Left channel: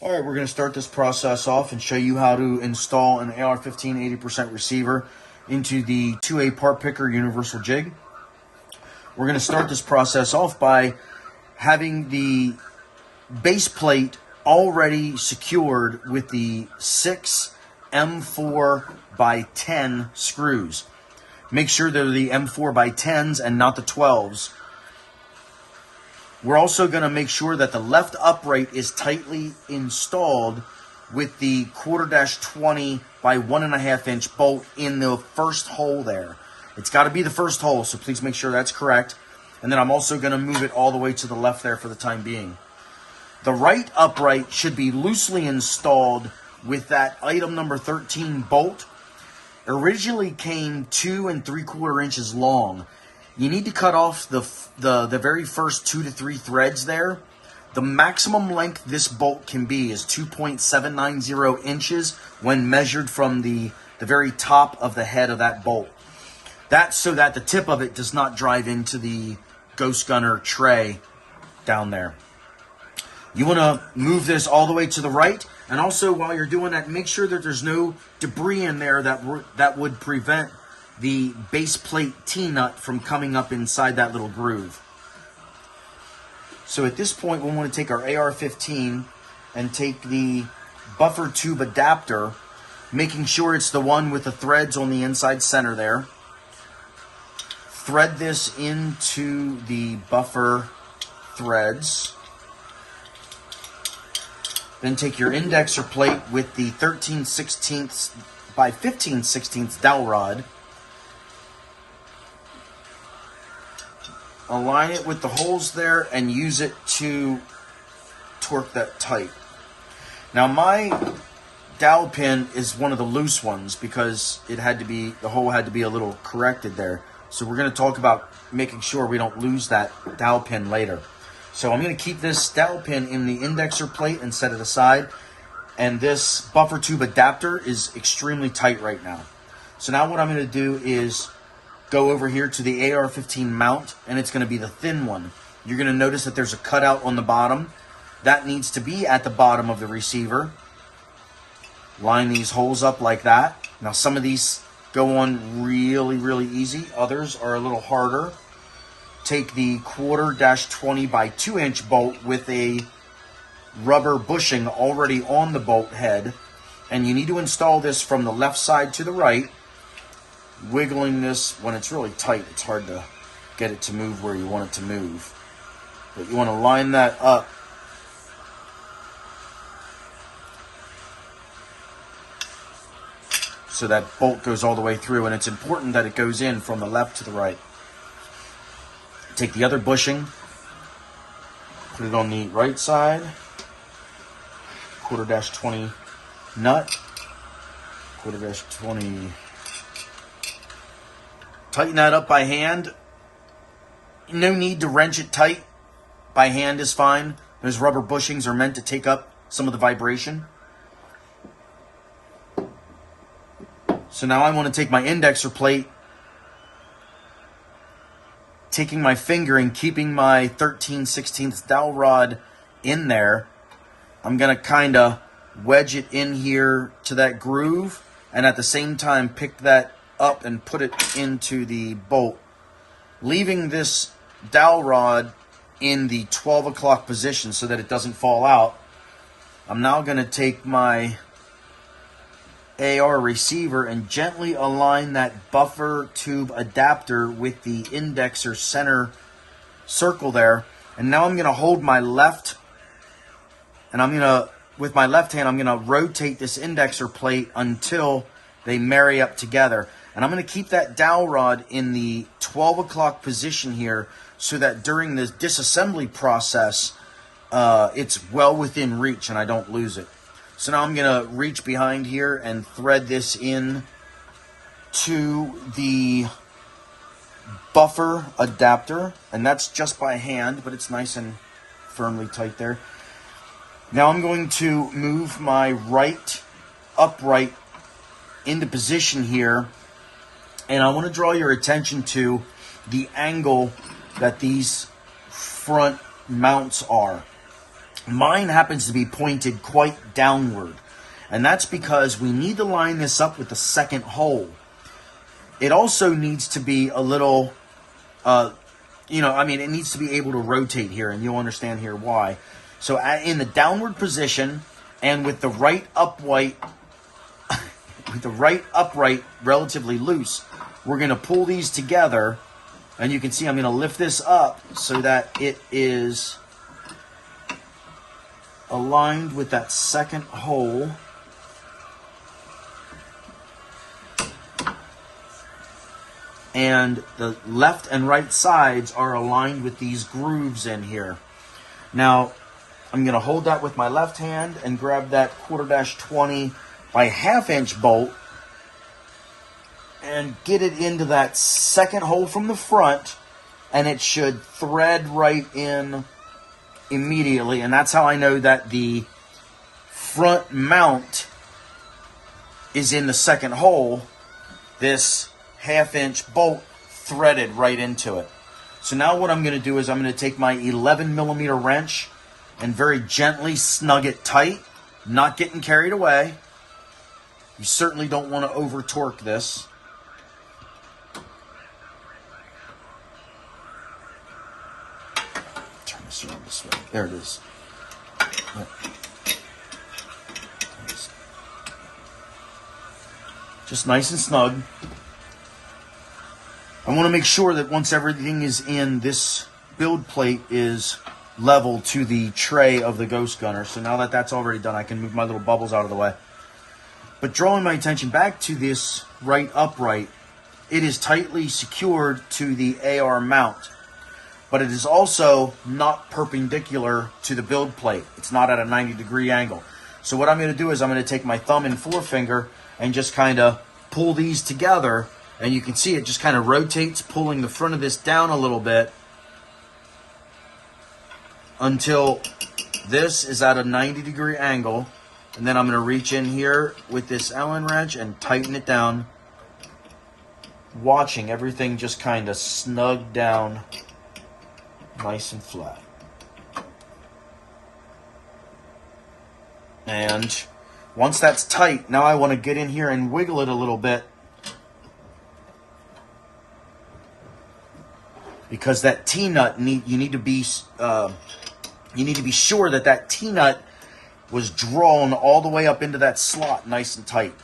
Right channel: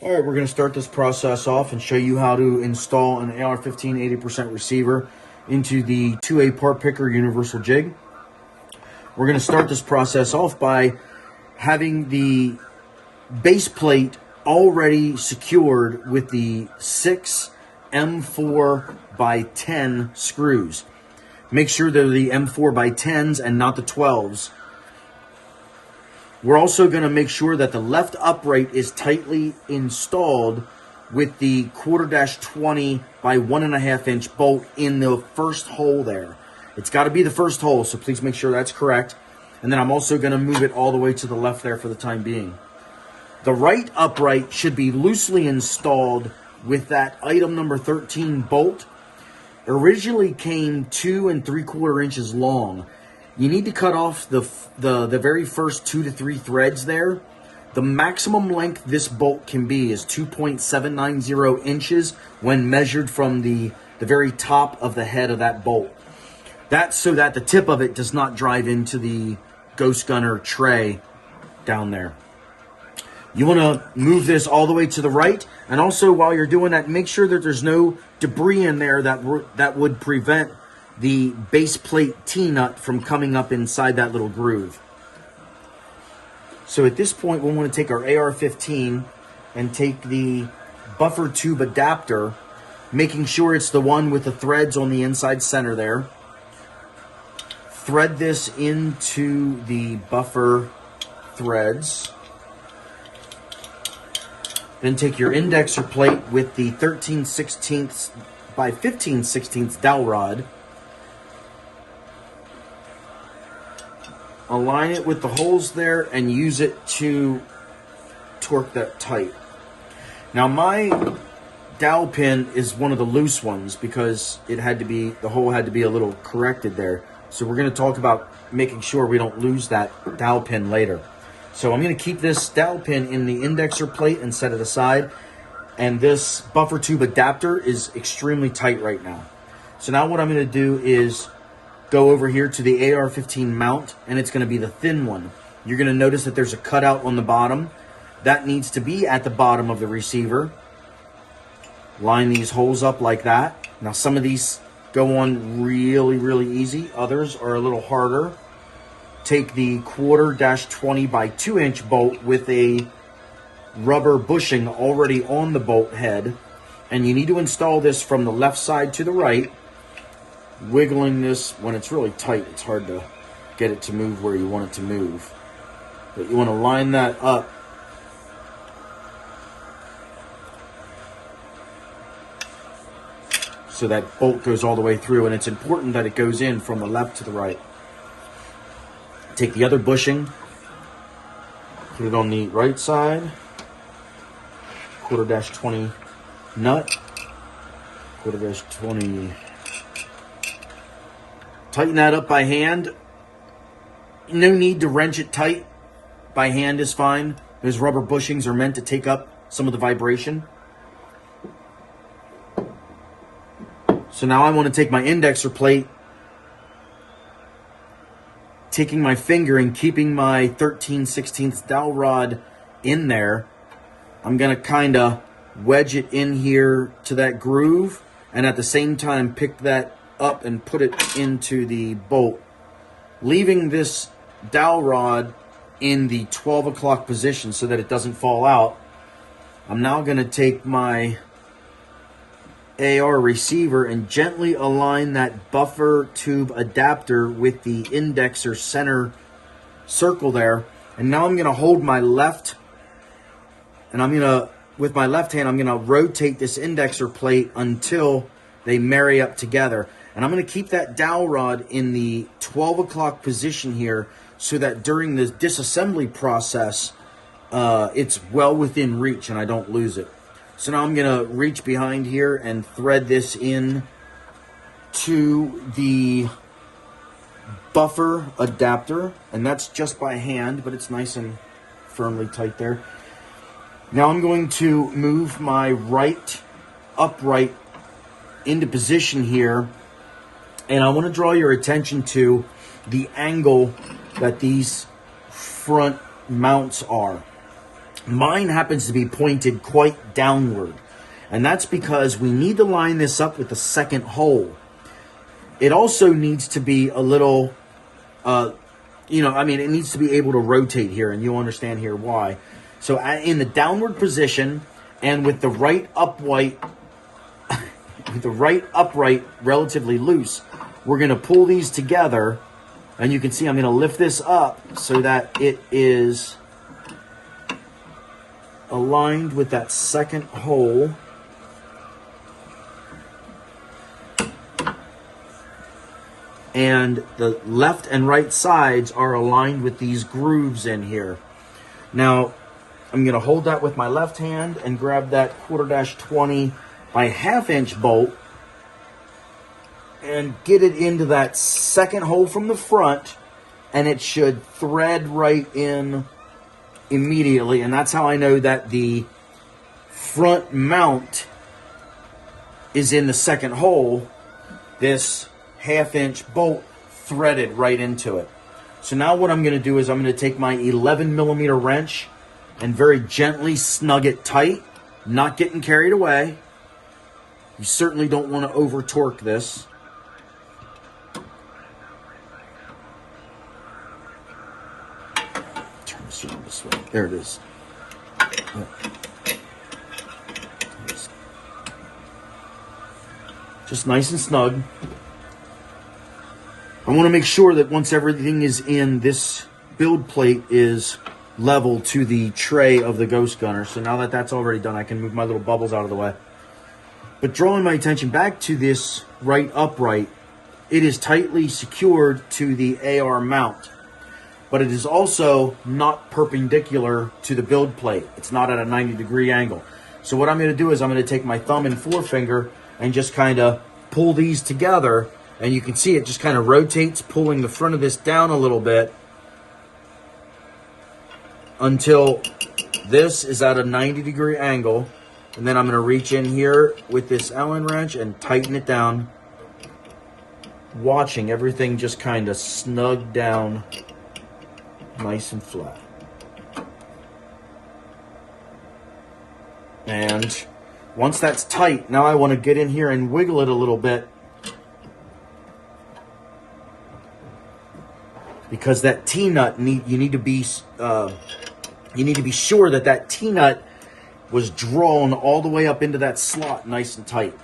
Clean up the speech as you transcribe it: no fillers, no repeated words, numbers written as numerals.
All right, we're going to start this process off and show you how to install an AR-15 80% receiver into the 2A part picker universal jig. We're going to start this process off by having the base plate already secured with the 6 M4 by 10 screws. Make sure they're the M4 by 10s and not the 12s. We're also going to make sure that the left upright is tightly installed with the 1/4-20 by 1.5 inch bolt in the first hole there. It's got to be the first hole, so please make sure that's correct. And then I'm also going to move it all the way to the left there for the time being. The right upright should be loosely installed with that item number 13 bolt. It originally came 2 3/4 inches long. You need to cut off the very first 2 to 3 threads there. The maximum length this bolt can be is 2.790 inches when measured from the very top of the head of that bolt. That's so that the tip of it does not drive into the Ghost Gunner tray down there. You want to move this all the way to the right, and also while you're doing that, make sure that there's no debris in there that would prevent the base plate T-nut from coming up inside that little groove. So at this point, we want to take our AR-15 and take the buffer tube adapter, making sure it's the one with the threads on the inside center there. Thread this into the buffer threads. Then take your indexer plate with the 13/16 by 15/16 dowel rod. Align it with the holes there and use it to torque that tight. Now my dowel pin is one of the loose ones because the hole had to be a little corrected there. So we're going to talk about making sure we don't lose that dowel pin later. So I'm going to keep this dowel pin in the indexer plate and set it aside. And this buffer tube adapter is extremely tight right now. So now what I'm going to do is go over here to the AR-15 mount, and it's going to be the thin one. You're going to notice that there's a cutout on the bottom. That needs to be at the bottom of the receiver. Line these holes up like that. Now some of these go on really easy. Others are a little harder. Take the 1/4-20 by 2 inch bolt with a rubber bushing already on the bolt head. And you need to install this from the left side to the right. Wiggling this when it's really tight, it's hard to get it to move where you want it to move. But you want to line that up so that bolt goes all the way through, and it's important that it goes in from the left to the right. Take the other bushing, put it on the right side, 1/4-20 nut, 1/4-20. Tighten that up by hand. No need to wrench it tight. By hand is fine. Those rubber bushings are meant to take up some of the vibration. So now I want to take my indexer plate, taking my finger and keeping my 13/16 dowel rod in there. I'm going to kind of wedge it in here to that groove, and at the same time pick that up and put it into the bolt, leaving this dowel rod in the 12 o'clock position so that it doesn't fall out. I'm now going to take my AR receiver and gently align that buffer tube adapter with the indexer center circle there. And now I'm going to hold my left, and with my left hand, I'm going to rotate this indexer plate until they marry up together. And I'm going to keep that dowel rod in the 12 o'clock position here so that during the disassembly process, it's well within reach and I don't lose it. So now I'm going to reach behind here and thread this in to the buffer adapter. And that's just by hand, but it's nice and firmly tight there. Now I'm going to move my right upright into position here. And I want to draw your attention to the angle that these front mounts are. Mine happens to be pointed quite downward, and that's because we need to line this up with the second hole. It also needs to be a little, it needs to be able to rotate here, and you'll understand here why. So in the downward position and with the right upright, relatively loose, we're going to pull these together, and you can see I'm going to lift this up so that it is aligned with that second hole. And the left and right sides are aligned with these grooves in here. Now, I'm going to hold that with my left hand and grab that 1/4-20 by 1/2 inch bolt and get it into that second hole from the front, and it should thread right in immediately. And that's how I know that the front mount is in the second hole. This 1/2 inch bolt threaded right into it. So now what I'm going to do is I'm going to take my 11mm wrench and very gently snug it tight, not getting carried away. You certainly don't want to over torque this. Turn this around this way. There it is. Just nice and snug. I want to make sure that once everything is in, this build plate is level to the tray of the Ghost Gunner. So now that that's already done, I can move my little bubbles out of the way. But drawing my attention back to this right upright, it is tightly secured to the AR mount, but it is also not perpendicular to the build plate. It's not at a 90-degree angle. So what I'm going to do is I'm going to take my thumb and forefinger and just kind of pull these together. And you can see it just kind of rotates, pulling the front of this down a little bit until this is at a 90-degree angle. And then I'm going to reach in here with this Allen wrench and tighten it down, watching everything just kind of snug down nice and flat. And once that's tight, now I want to get in here and wiggle it a little bit, because that T-nut you need to be sure that that T-nut was drawn all the way up into that slot nice and tight.